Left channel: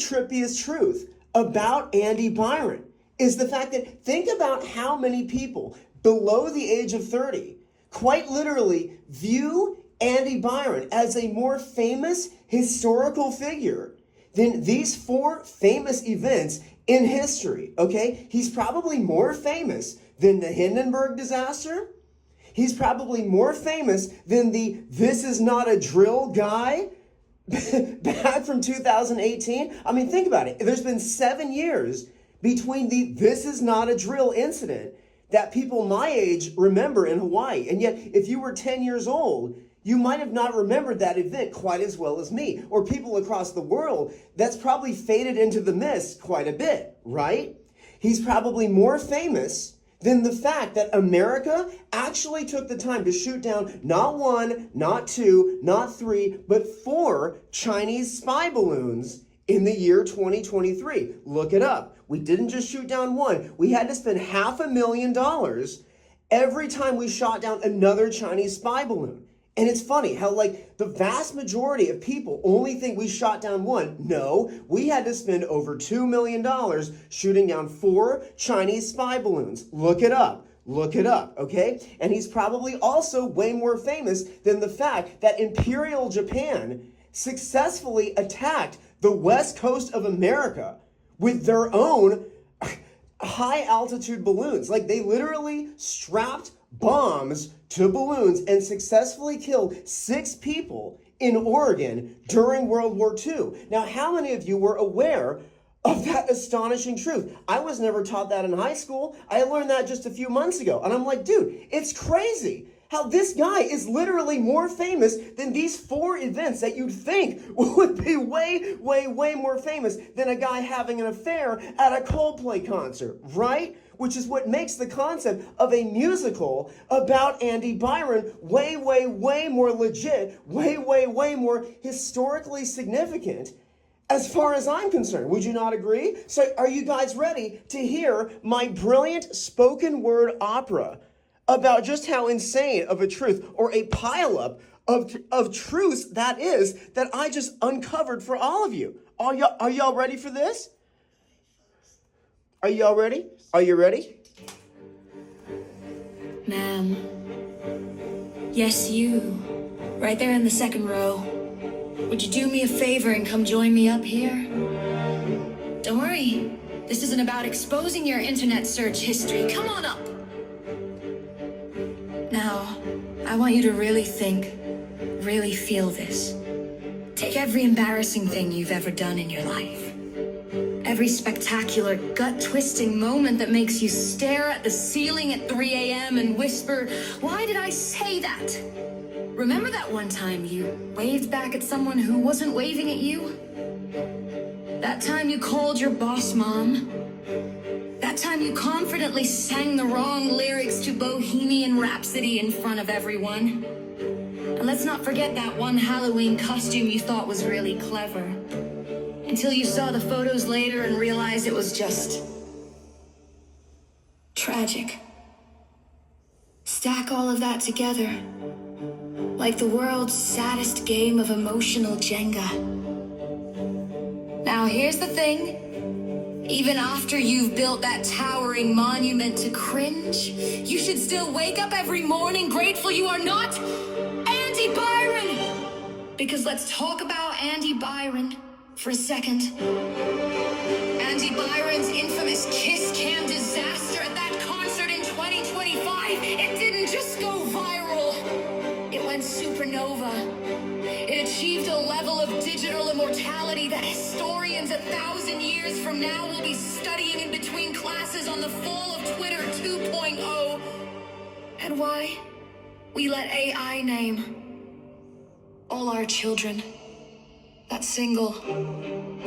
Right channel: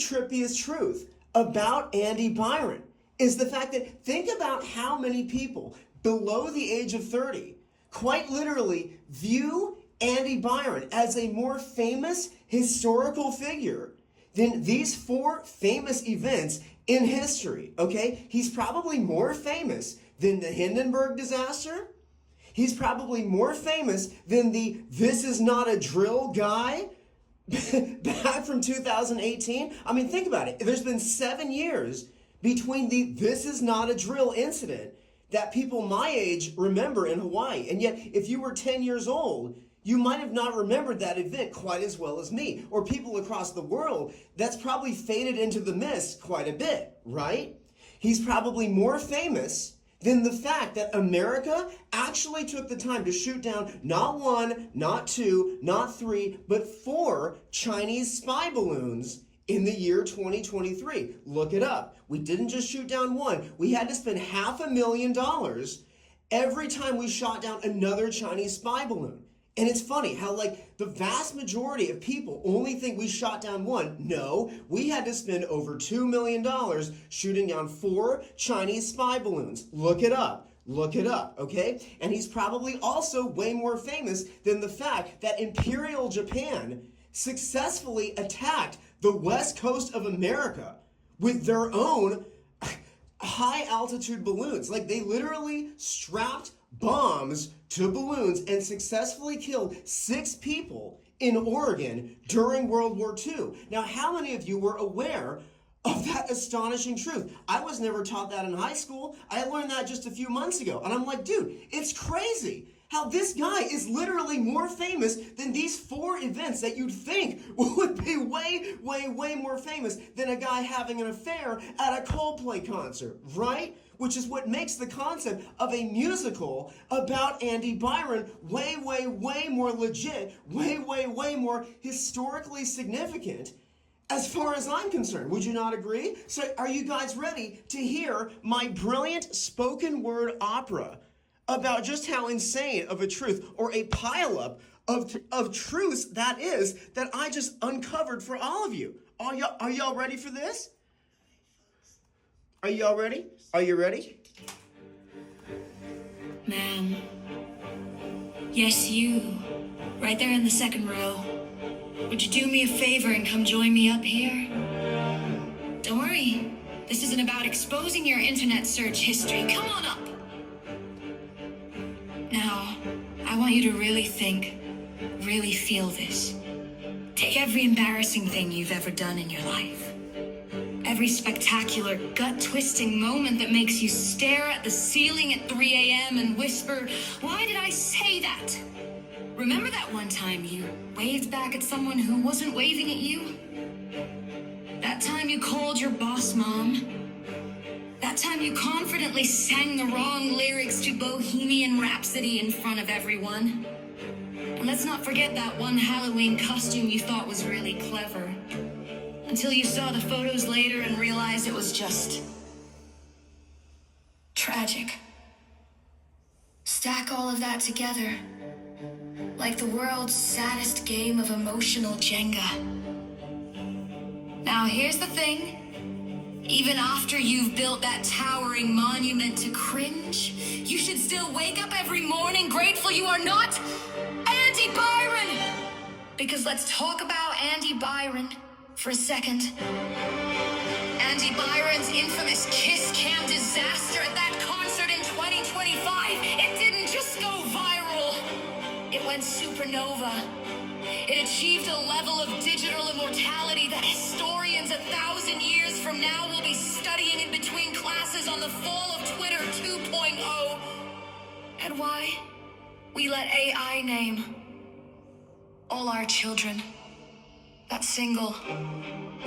trippiest truth about Andy Byron is the fact that think about how many people below the age of 30 quite literally view Andy Byron as a more famous historical figure than these four famous events in history, okay? He's probably more famous than the Hindenburg disaster. He's probably more famous than the "this is not a drill" guy back from 2018. I mean, think about it. There's been 7 years between the "this is not a drill" incident that people my age remember in Hawaii. And yet, if you were 10 years old, you might have not remembered that event quite as well as me. Or people across the world, that's probably faded into the mist quite a bit, right? He's probably more famous than the fact that America actually took the time to shoot down not one, not two, not three, but 4 Chinese spy balloons in the year 2023. Look it up. We didn't just shoot down one. We had to spend $500,000 every time we shot down another Chinese spy balloon. And it's funny how, like, the vast majority of people only think we shot down one. No, we had to spend over $2 million shooting down 4 Chinese spy balloons. Look it up. Look it up, okay? And he's probably also way more famous than the fact that Imperial Japan successfully attacked the west coast of America with their own high-altitude balloons. Like, they literally strapped bombs to balloons and successfully killed 6 people in Oregon during World War II. Now, how many of you were aware of that astonishing truth? I was never taught that in high school. I learned that just a few months ago. And I'm like, dude, it's crazy how this guy is literally more famous than these 4 events that you'd think would be way, way, way more famous than a guy having an affair at a Coldplay concert, right? Which is what makes the concept of a musical about Andy Byron way, way, way more legit, way, way, way more historically significant as far as I'm concerned. Would you not agree? So are you guys ready to hear my brilliant spoken word opera about just how insane of a truth or a pileup of truths that is that I just uncovered for all of you? Are y'all ready for this? Are y'all ready? Are you ready? Ma'am. Yes, you. Right there in the second row. Would you do me a favor and come join me up here? Don't worry. This isn't about exposing your internet search history. Come on up. Now, I want you to really think, really feel this. Take every embarrassing thing you've ever done in your life. Every spectacular, gut-twisting moment that makes you stare at the ceiling at 3 a.m. and whisper, "Why did I say that?" Remember that one time you waved back at someone who wasn't waving at you? That time you called your boss mom? That time you confidently sang the wrong lyrics to Bohemian Rhapsody in front of everyone? And let's not forget that one Halloween costume you thought was really clever. Until you saw the photos later and realized it was just tragic. Stack all of that together, like the world's saddest game of emotional Jenga. Now here's the thing. Even after you've built that towering monument to cringe, you should still wake up every morning grateful you are not Andy Byron. Because let's talk about Andy Byron for a second. Andy Byron's infamous Kiss Cam disaster at that concert in 2025. It didn't just go viral. It went supernova. It achieved a level of digital immortality that historians 1,000 years from now will be studying in between classes on the fall of Twitter 2.0. And why? We let AI name all our children. That single,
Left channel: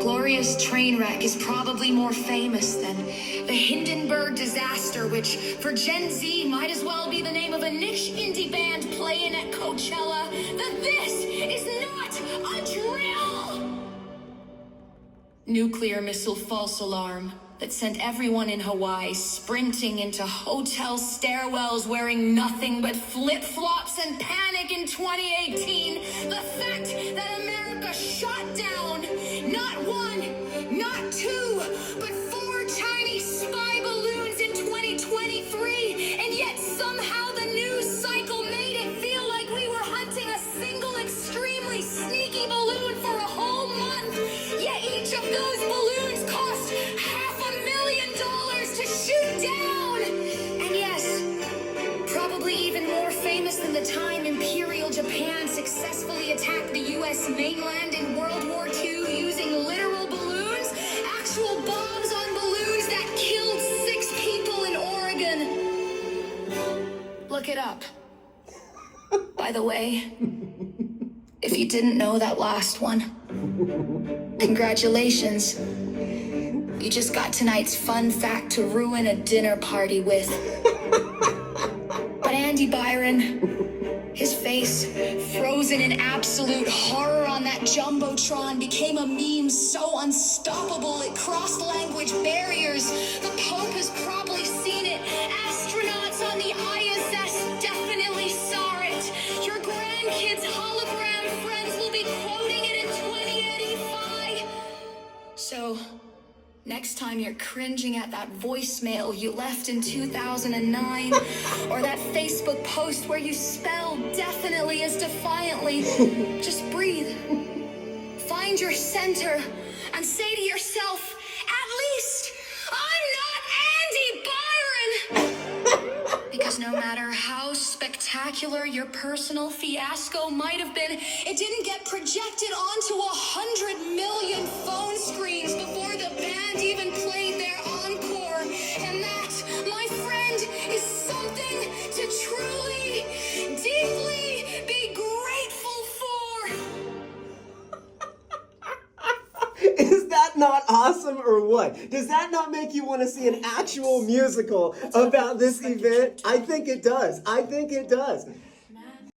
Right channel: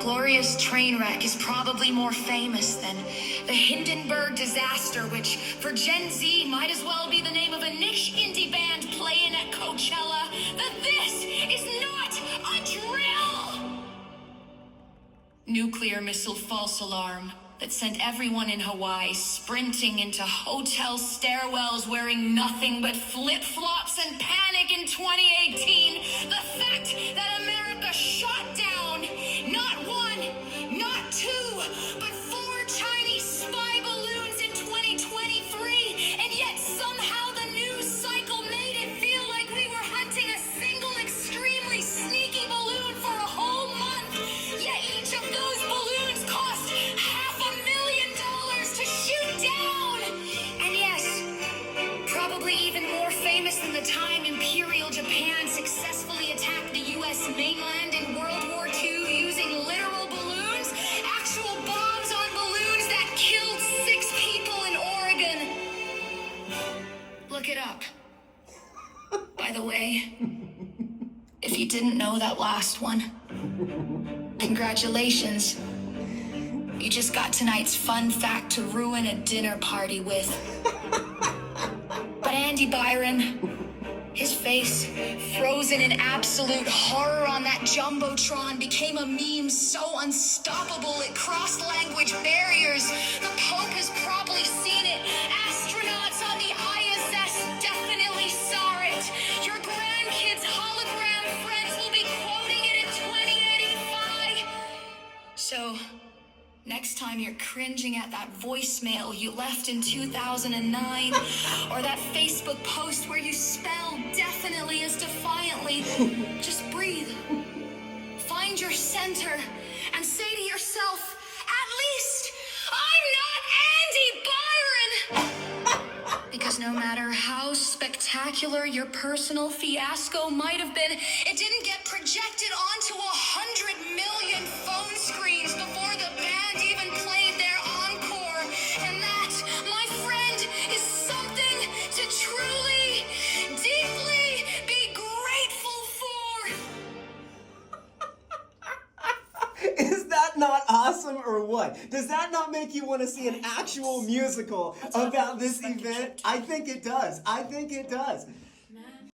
glorious train wreck is probably more famous than the Hindenburg disaster, which for Gen Z might as well be the name of a niche indie band playing at Coachella. That this is not a drill! Nuclear missile false alarm that sent everyone in Hawaii sprinting into hotel stairwells wearing nothing but flip-flops and panic in 2018. The fact that America shot down not one, up. By the way, if you didn't know that last one, congratulations. You just got tonight's fun fact to ruin a dinner party with. But Andy Byron, his face, frozen in absolute horror on that Jumbotron, became a meme so unstoppable it crossed language barriers. The Pope has probably seen it. Astronauts on the ISS definitely saw it. Your grandkids' hologram friends will be quoting it in 2085. So, next time you're cringing at that voicemail you left in 2009, or that Facebook post where you spell definitely as defiantly, just breathe. Find your center and say to yourself, at least, I'm not Andy Byron! Because no matter how spectacular your personal fiasco might have been, it didn't get projected onto 100 million phone screens before the band even played their encore. And that, my friend, is something to truly, deeply be grateful for. Is that not awesome or what? Does that not make you want to see an actual musical about this event? I think it does. I think it does.